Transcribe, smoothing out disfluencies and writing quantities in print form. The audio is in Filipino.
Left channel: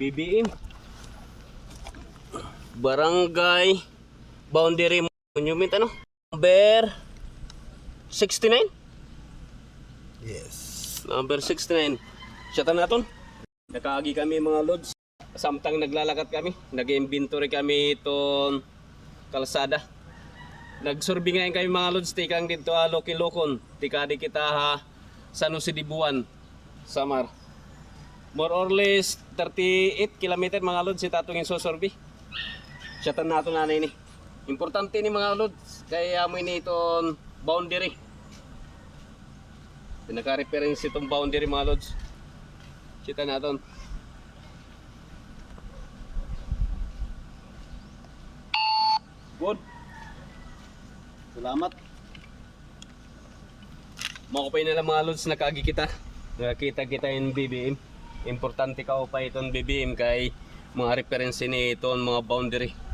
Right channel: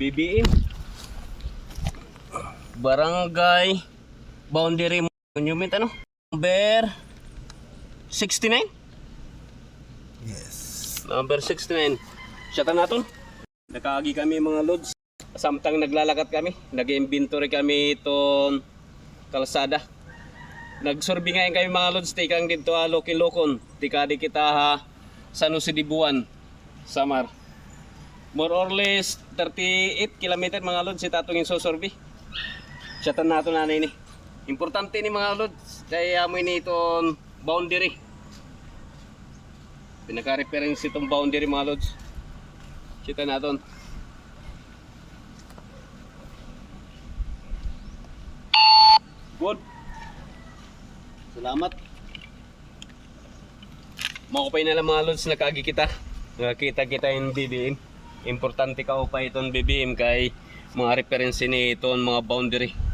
BBM Barangay Boundary Monument ano? Number 69? Yes. Number 69. Siyatan natin. Nakaagi kami mga lods. Samtang naglalakad kami, nag-inventory kami itong kalsada. Nagsurvey ngayon kami mga lods, tikang dito Lokilokon. Tikadi kita ha, San Jose de Buan, Samar. More or less 38 km mga lods ita itong insusurvey. Siyatan natin na ini. Importante ni mga lods, kaya mo ini itong boundary. Pinaka-reference itong boundary mga lods. Kita natin. Good. Salamat. Makupay na lang mga lods, nakagi kita. Nakakita kita yung BBM. Importante ka upay itong BBM kay mga reference ni itong mga boundary.